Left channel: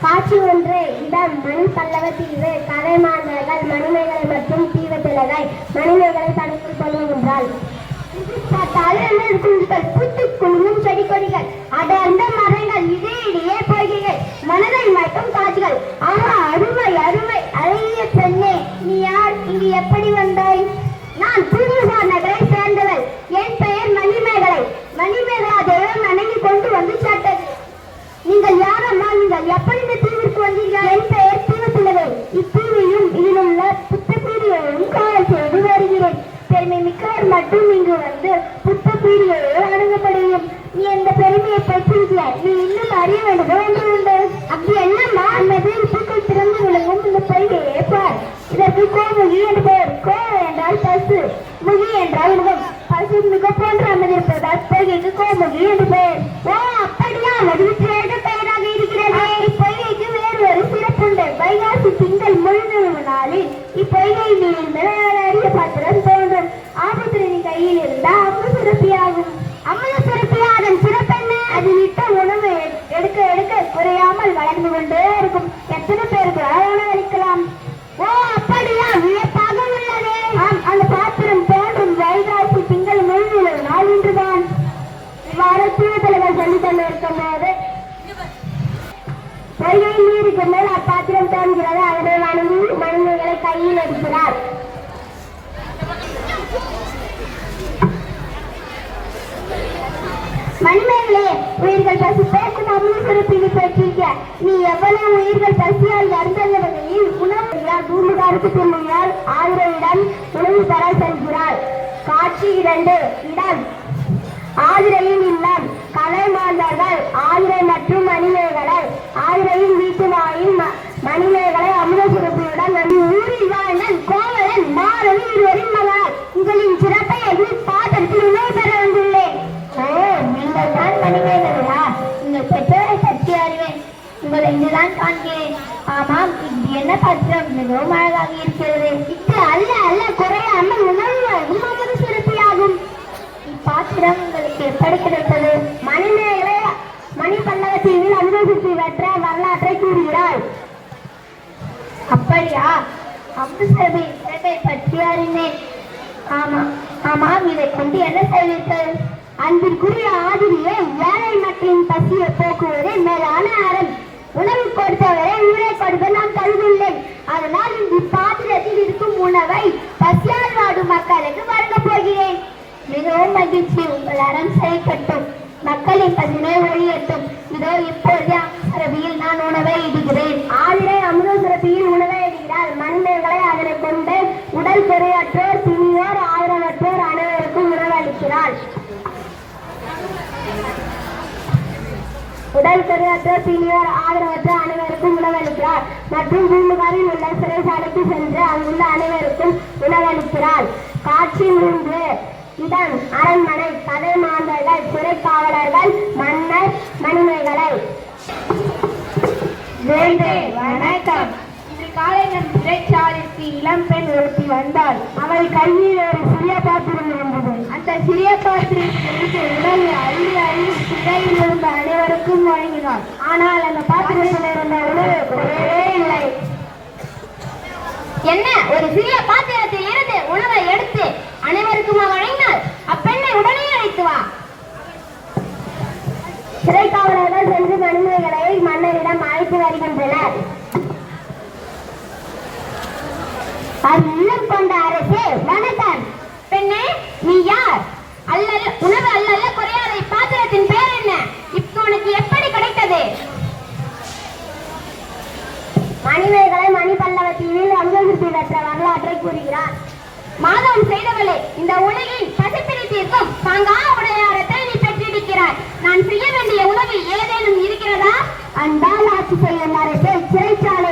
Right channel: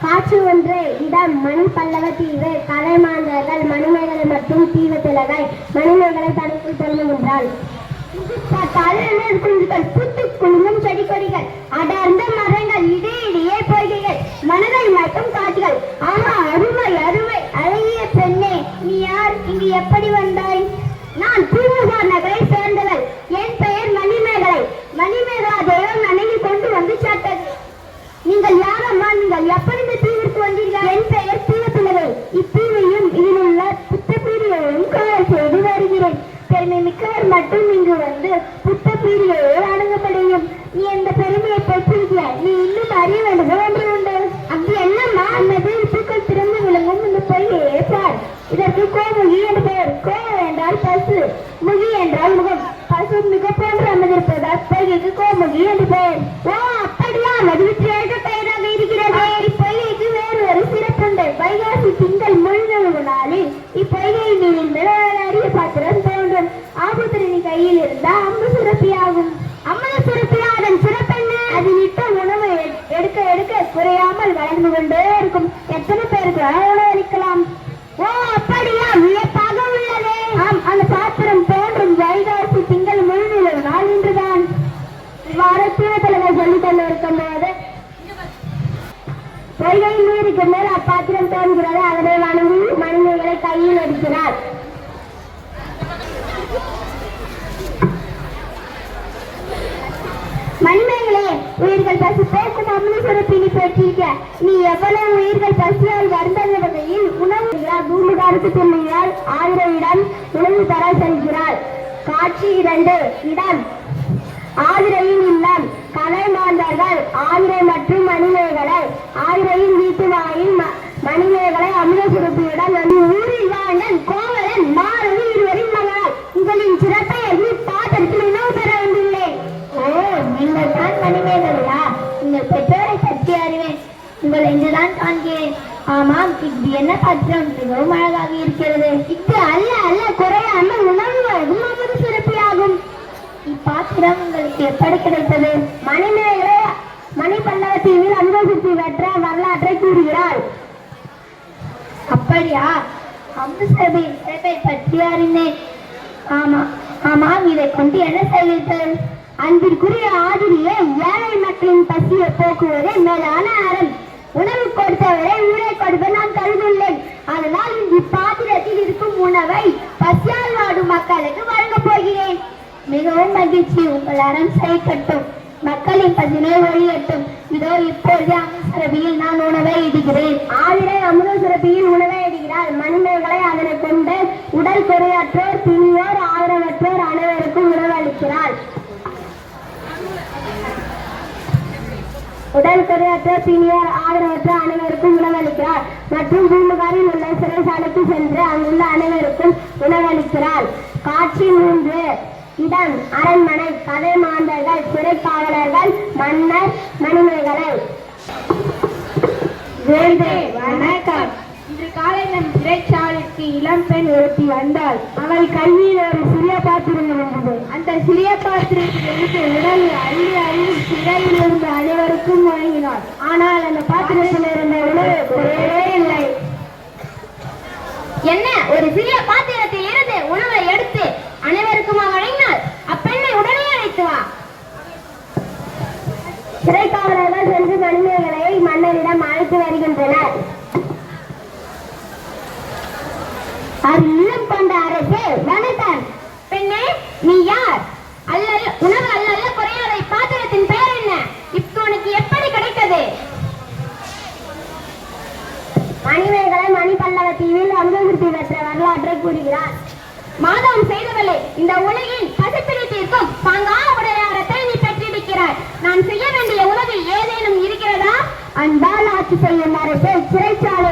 காட்சி ஒன்று இடம் மண் பல்லவ தீவு கதை மாந்தர்கள் மணிமேகலை மற்றும் தீவு திலகை மணிமேகலை தடுத்துக் கொள்ளுகின்றாள் Damn. இவ்வாறு தீவத்தலைவர் சொல்லிக் கொண்டிருக்கும் போது பொய்கை நீருக்கு மேல் அப்பாத்திரம் தோன்கிறது அதனை வணங்கி மனிதர்களை கையில் எடுக்கிறார் மனிதர்களே உயிர்கள் பசி பேச தமிழ் சுருப்பினி பெற்றிருக்க. நீ எவ்வளவு உயிர்கள் பசியால் வருந்தவர்களில் உணவு பூமிகாருக்கு திரும்பினால் ஆயிரம் உணவு தர செல்கிறாள் காட்சி இரண்டு இடம். ஆதிரையின் இல்லம். கலை மாந்தார்கள் ஆதிரை மற்றும் மணிமேகலை ஆதிரையின் வீட்டு வாயில் மணிமேகலை அமிர்த சுரப்பியுடன் நம் ஊரில் வாழ்ந்த கோவலன் மாறவி இருவரின் மகள் உங்களின் சிறப்பை அறிந்து பாத்திரத்தில் உணவு பெற வந்துள்ளேன். ஓ நீங்கள் தான் மணிமேகலையா? உங்கள் பெற்றோரை பற்றி அறிவேன். உங்களை இங்குதான் காண்கிறேன். ஆமாம் இது என்ன பத்திரம்? மிகவும் அழகாக இருக்கிறது. இது அல்ல அல்ல குறையாமல் உணவு வழங்கும் அமிர்த இப்பாத்திரம் உங்களுக்கு எப்படி கிடைத்தது? தீவில் பல்லவத்தீவில் அனுபவித்து பெற்ற வரலாற்றை கூறுகிறார். அப்படியா? அம்புசபி சிறப்பை பற்றி அறிந்தேன். ஆமா ஆமாம் இதை கொண்டு என்ன செய்வீர்கள்? அன்பிற்குரிய ஆதிரியே ஏழை மக்களின் பசியை போக்குவதே மேலான அறம். உணவு கொடுத்தவரை உயிரை கொடுக்க நான் கருதுள்ளேன். அதனால் இந்த பாத்திரத்தில் இருக்கும் உணவை பசியால் வாடும் மக்களுக்கு வழங்கப் போகிறேன். மிகவும் மகிழ்ச்சி உங்கள் அறம் செய்யப்பட்டும் மக்களின் பசினை ஒழியட்டும் இதோ இப்போது அமுசரபியில் நான் உணவை இடுகிறேன். ஆதிரை அமுதசுரபியில் உணவை இடுகிறார். மனிதர்களை அதனை கொண்டு உடல் குறையற்றோர் பிணியோர் ஆதரவற்றோர் அனைவருக்கும் உணவளிக்கிறாள் உடல் குறையற்றோர் பிணியோர் ஆதரவற்ற அனைவருக்கும் உணவளிக்கிறார் மற்றும் பூம்புகாரில் உள்ள சிறைசாலைக்கு சென்று அங்குள்ள அனைவருக்கும் உணவளிக்கிறார் காட்சி மூன்று இடம் அரண்மனை கதை மாந்தர்கள் சிறைக்காவலர்கள் மன்னர் மணிமேகலை வேந்தே வணக்கம். இன்று காலை நம் சிறைச்சாலைக்கு இளம் பெண் ஒருத்தி வந்தாள். அவள் கையில் ஒரு சிறிய பாத்திரம் இருந்தது. அந்த சிறிய பாத்திரத்திலிருந்து உணவு அள்ளி அள்ளி சிறையில் இருந்த அனைவருக்கும் வழங்கினாள் ஆனால் அந்த பாத்திரத்தில் இருந்த உணவு குறையவே இல்லை. என்ன ஒரு சிறிய பாத்திரத்தில் இருந்து எடுத்து அனைவருக்குமா வழங்கினார் அப்பெண்ணை உடனே அழைத்து வா. சிறைக்காவலர்கள் சென்று மனிதர்களை மன்னரிடம் அழைத்து வருகின்றனர். அது அருளம் கொண்ட அரசு வணக்கம் பெண்ணே நீ யார்? அல்லல் உணவு அல்ல குறையாத பாத்திரத்தின் பெயர் என்ன? இப்போ உனக்கு எப்படி கிடைத்தது? மணிமேகலை மணிப்பல்லவ தீவில் அங்ககுத்தி பெற்ற வரலாற்றை கூறுகிறார். மாதவம் செய்தவளே இந்த உலகின் பசிப்பிடி தீர்க்கும் தாங்கா உடையாரத்தை நீ பெற்றிருக்கிறாய். நான் செய்ய வேண்டிய உதவி ஏதேனும் இருக்கிறதா? அன்பால் ஆட்சி செய்யும் அரசை சிறைச்சாலை